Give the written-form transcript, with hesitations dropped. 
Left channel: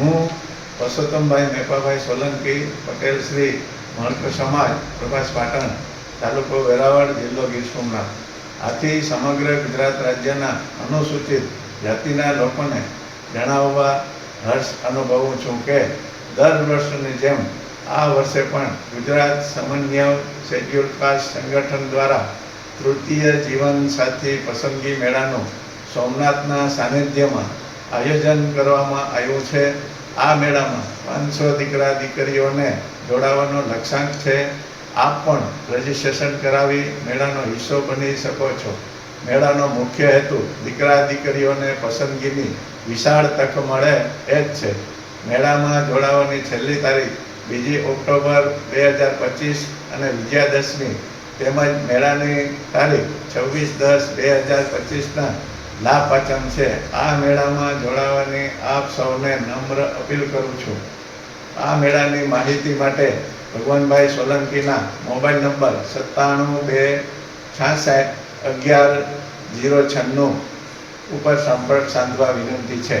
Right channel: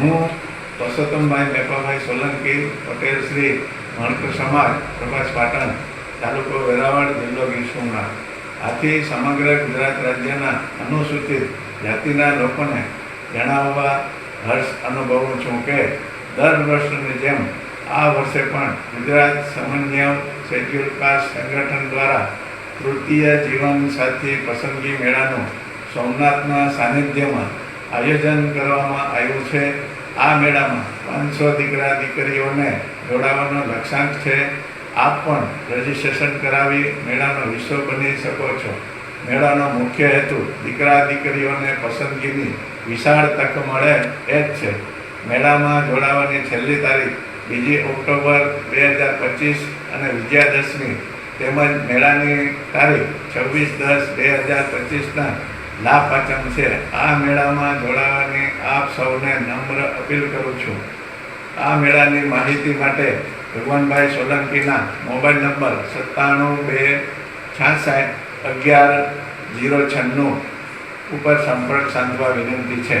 હું પરસોત્તમભાઈ મેપાભાઈ સોલંકી, પટેલ શ્રી મણકર સમાજ, પ્રભાસ પાટણ, તાલુકો વેરાવળ, જિલ્લો ગીર સોમનાથ. આથી સમગ્ર ગુજરાત રાજ્યના અનુસૂચિત જાતિના લોકોને જણાવવા હર્ષ અનુભવું છું કે દર વર્ષની જેમ આ વર્ષે પણ ગુજરાત સમન્વય શેડ્યુલ કાસ્ટ સંગઠન દ્વારા તૃતીય જીવન સાથી પસંદગી મેળાનું સોમનાથના સાનિધ્યમાં આયોજન કરવામાં આવ્યું છે. આ મેળામાં 500 દીકરા દીકરીઓને જોડાવાનો લક્ષ્યાંક છે. આપ પણ રજીસ્ટ્રેશન કરાવી મેળાનો હિસ્સો બની શકો છો. મેળાનો મુખ્ય હેતુ દીકરા દીકરીઓને પસંદગીની વિશાળ તક મળે એ જ છે. મેળામાં જોડાવાની છેલ્લી તારીખ 2 ઓક્ટોબર 2025 અને વિજયાદશમી તેમજ મેળાની તારીખ 26/10/2025ના લાભ પાંચમ છે. આ મેળામાં જોડાવાની આપ સૌને નમ્ર અપીલ કરું છું. આ મેળાની માહિતી માટે ભગવાનભાઈ સોલંકીના મોબાઈલ નંબર 97 266 11 096 ઉપર સંપર્ક સાધવા વિનંતી છે.